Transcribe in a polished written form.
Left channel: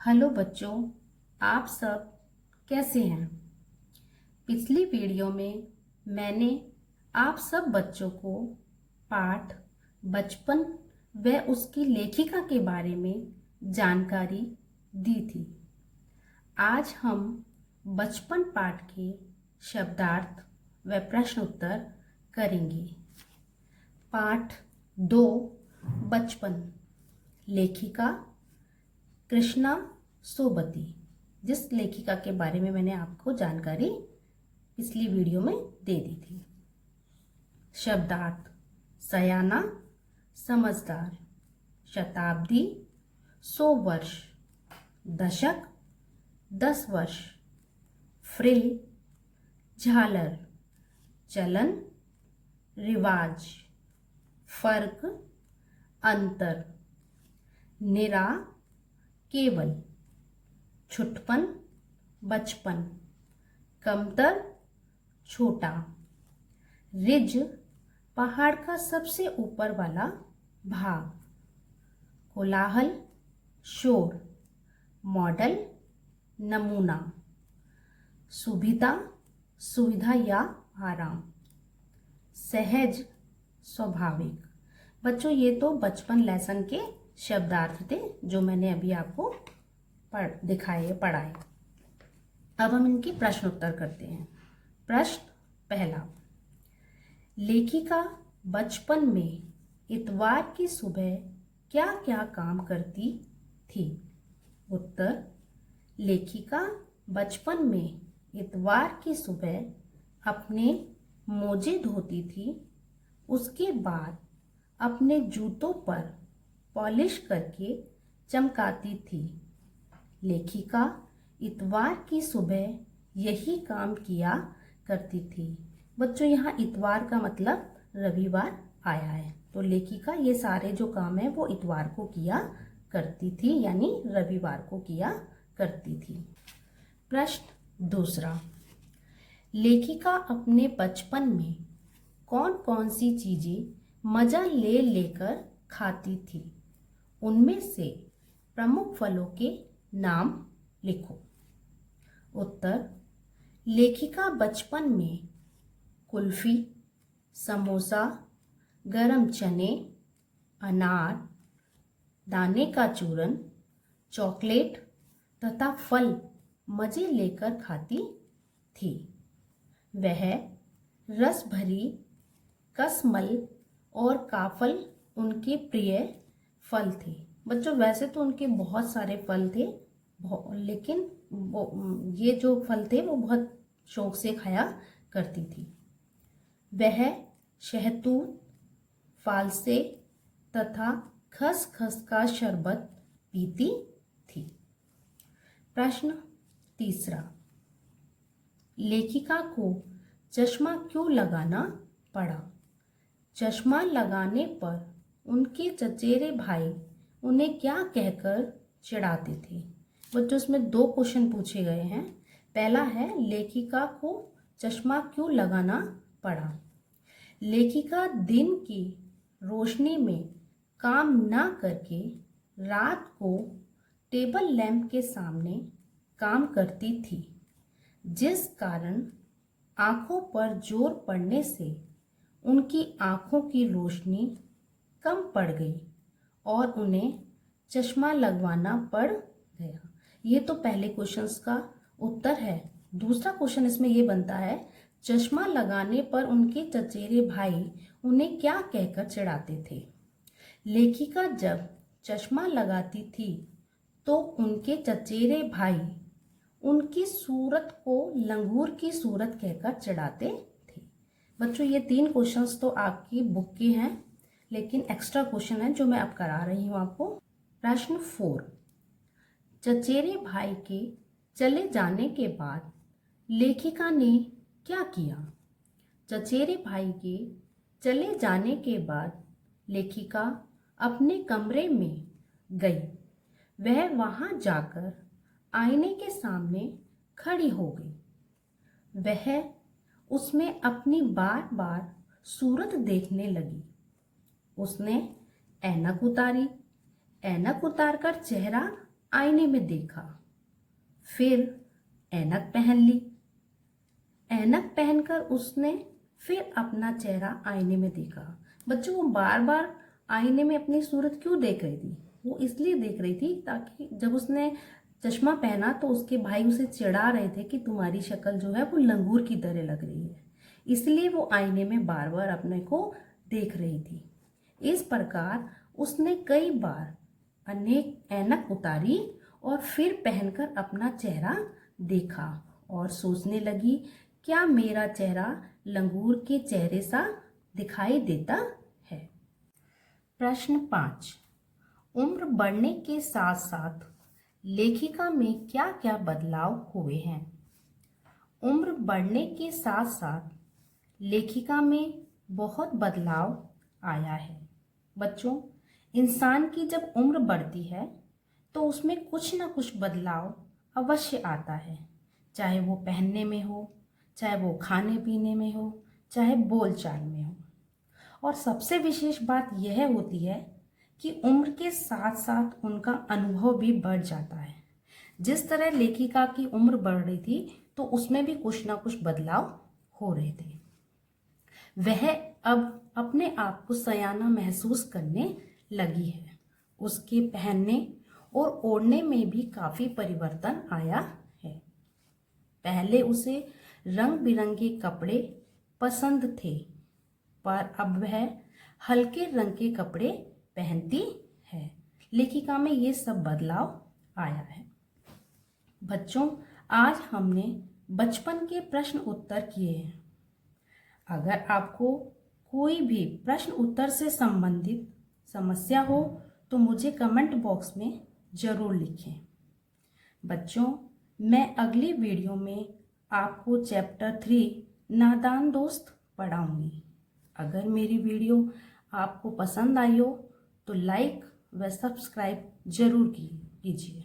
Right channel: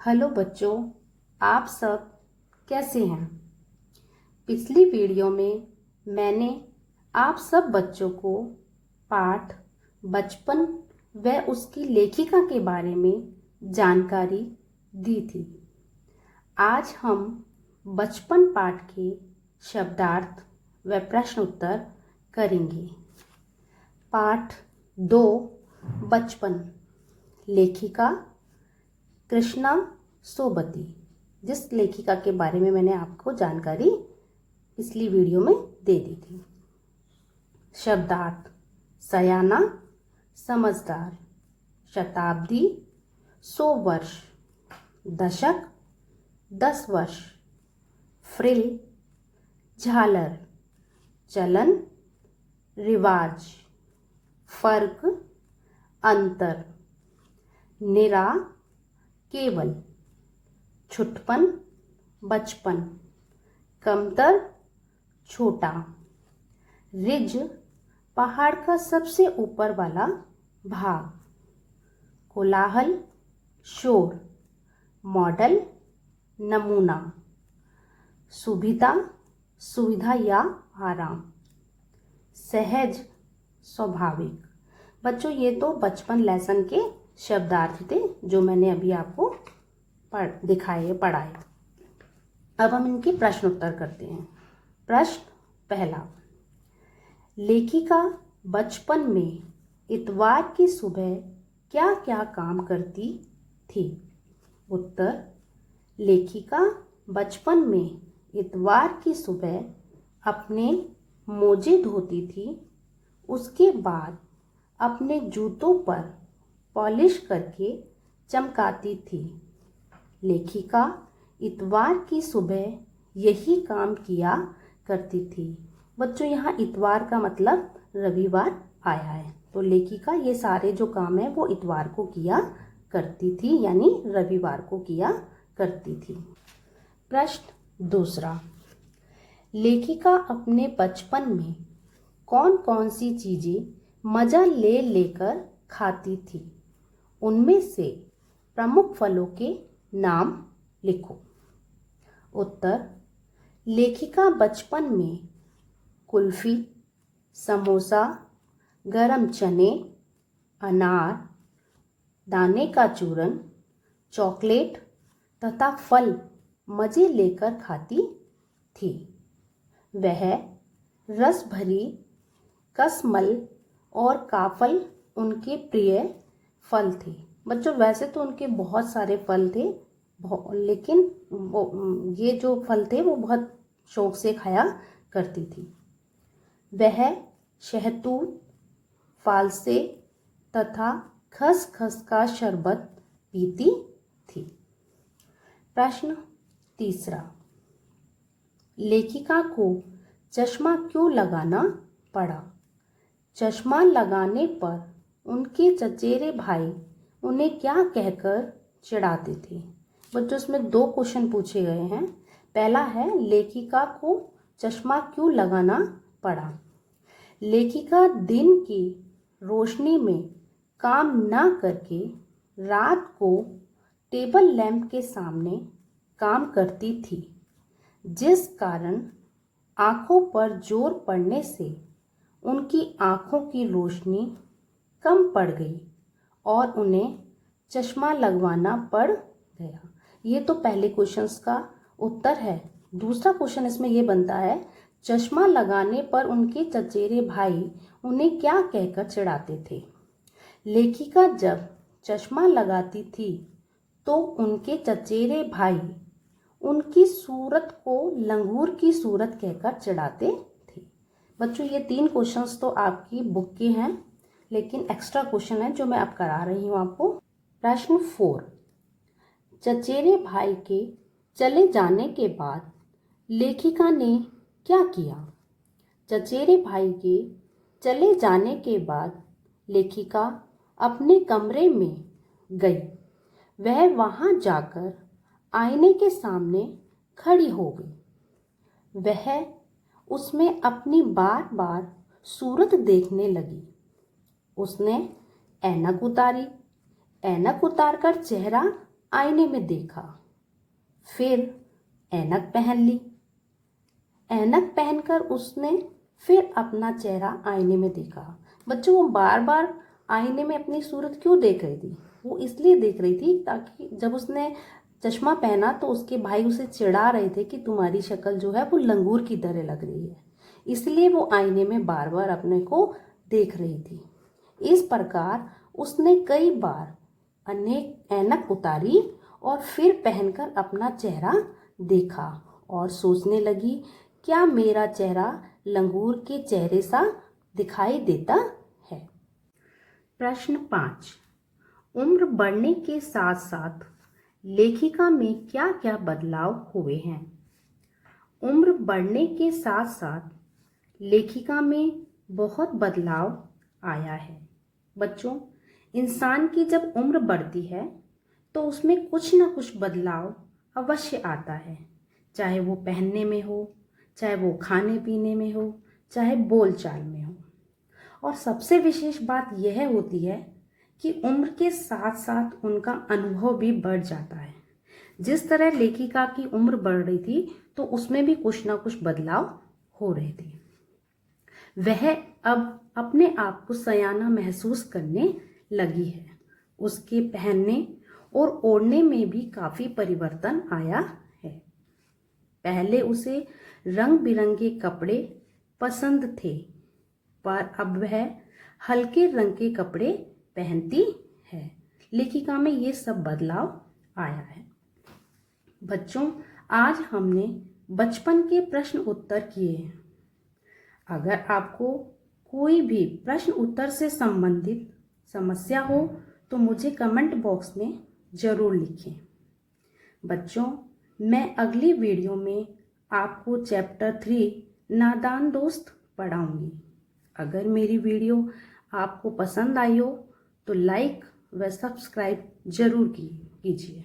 Hello बच्चों, आप सब कैसे हैं। पिछली वीडियो में मैंने आप सब बच्चों को पाठ बचपन व उसकी लेखिका के बारे में जानकारी दी थी। आज हम बचपन पाठ के शब्दार्थ व प्रश्न उत्तर करेंगे। पाठ 2 बचपन, लेखिका कृष्णा सोबती, जिस लेखिका के बारे में मैंने आपको जानकारी पिछली वीडियो में दे दी थी। शब्दार्थ: सयाना, समझदार, शताब्दी 100 वर्ष, दशक 10 वर्ष, फ्रिल झालर, चलन रिवाज, फर्क अंतर, निरा केवल, छुटपन बचपन, कमतर छोटा, रिज पहाड़ का सबसे ऊपर वाला भाग, कोलाहल शोर, मॉडल नमूना, सुविधा सुविधा या आराम, सहज स्वाभाविक। बच्चों, ये तो बचपन लेसन के शब्दार्थ थे जो मैंने अभी आपको पढ़ाए। अब हम इनके प्रश्न उत्तर करते हैं। प्रश्न पहला, लेखिका बचपन में इतवार की सुबह क्या क्या काम करती थी। उत्तर: लेखिका बचपन में इतवार की सुबह अपने मोजे धोती थी, उसके बाद अपने जूतों पर पॉलिश करके चमकाती थी। लेखिका इतवार की सुबह यही काम किया करती थी। बच्चों, यहाँ इतवार का मतलब रविवार आया है, तो लेखिका ये सारे जो काम है वो इतवार को किया करती थी, यानी रविवार को किया करती थी। प्रश्न दूसरा, लेखिका अपने बचपन में कौन कौन सी चीजें मजा ले लेकर खाती थी। उनमें से प्रमुख फलों के नाम लिखो। उत्तर: लेखिका बचपन में कुल्फी, समोसा, गरम चने, अनार, दाने का चूरन, चॉकलेट तथा फल मजे लेकर खाती थी। वह रस भरी कसमल और काफल उनके प्रिय फल थे। बच्चों, वैसे तो उनके बहुत सारे फल थे, लेकिन ये जो फल थे वो बहुत शौक से खाया करती थी। वह शहतूत, फालसे तथा खसखस का शरबत पीती थी। प्रश्न तीसरा, लेखिका को चश्मा क्यों लगाना पड़ा। चश्मा लगाने पर उनके चचेरे भाई उन्हें क्या कहकर चिढ़ाते थे। बच्चों, इसमें 2 क्वेश्चन पूछे गए हैं। पहला है, लेखिका को चश्मा क्यों लगाना पड़ा। लेखिका दिन की रोशनी में काम ना करके रात को टेबल लैंप के सामने काम करती थी, जिस कारण आंखों पर जोर पड़ने से उनकी आंखों की रोशनी कम पड़ गई और उन्हें चश्मा लगवाना पड़ गया। ये तो पहले क्वेश्चंस का उत्तर है। दूसरा क्वेश्चन इसमें ये बनता है, चश्मा लगाने पर उनके चचेरे भाई उन्हें क्या कहकर चिढ़ाते थे। लेखिका जब चश्मा लगाती थी तो उनके चचेरे भाई उनकी सूरत को लंगूर की सूरत कहकर चिढ़ाते थे। बच्चों, ये 3 क्वेश्चंस तो आपकी बुक के हैं, लेकिन एक्स्ट्रा क्वेश्चन है जो मैं अब करा रही हूँ आपको। प्रश्न 4, चचेरे भाई के चले जाने के बाद लेखिका ने क्या किया। चचेरे भाई के चले जाने के बाद लेखिका अपने कमरे में गई। वह वहां जाकर आईने के सामने खड़ी हो गई। वह उसमें अपनी बार बार सूरत देखने लगी। उसने ऐनक उतारी। ऐनक उतारकर चेहरा आईने में देखा, फिर ऐनक पहन ली। ऐनक पहनकर उसने फिर अपना चेहरा आईने में देखा। बच्चों, वो बार बार आईने में अपनी सूरत क्यों देख रही थी? वो इसलिए देख रही थी ताकि जब उसने चश्मा पहना तो उसके भाई उसे चिढ़ा रहे थे कि तुम्हारी शक्ल जो है वो लंगूर की तरह लग रही है, इसलिए वो आईने में बार बार अपने को देख रही थी। इस प्रकार उसने कई बार अनेक ऐनक उतारी और फिर पहनकर अपना चेहरा देखा और सोचने लगी, क्या मेरा चेहरा लंगूर के चेहरे सा दिखाई देता है? प्रश्न 5। उम्र बढ़ने के साथ साथ लेखिका में क्या क्या बदलाव हुए हैं? उम्र बढ़ने के साथ साथ लेखिका में बहुत बदलाव आया है। बच्चों, इंसान की जब उम्र बढ़ती है तो उसमें कुछ ना कुछ बदलाव अवश्य आता है, चाहे वो पहनने में हो, चाहे वो खाने पीने में हो, चाहे बोलचाल में हो। और सबसे विशेष बात यह होती है कि उम्र के साथ साथ उनका अनुभव भी बढ़ जाता है। जिस तरह लेखिका की उम्र बढ़ रही थी तो उसमें भी कुछ ना कुछ बदलाव हो रहे थे। वह अब अपने आप को सयाना महसूस करने लगी है। उसके पहनने और ओढ़ने में भी काफ़ी परिवर्तन आया है। पहले उसे रंग बिरंगे कपड़े पसंद थे, पर अब वह हल्के रंग के कपड़े पहनती है। लेखिका में ये सब बदलाव आया है। बच्चों, आज हमने बचपन के प्रश्न उत्तर किए हैं। अगर आपको कोई भी प्रश्न उत्तर से संबंधित समस्या हो तो मुझे कमेंट बॉक्स में ज़रूर लिखें। बच्चों, मैं अगली वीडियो में आपको चैप्टर 3 नादान दोस्त पढ़ाऊंगी। अगर मेरी वीडियो आपको पसंद आई हो तो लाइक व सब्सक्राइब जरूर कीजिए।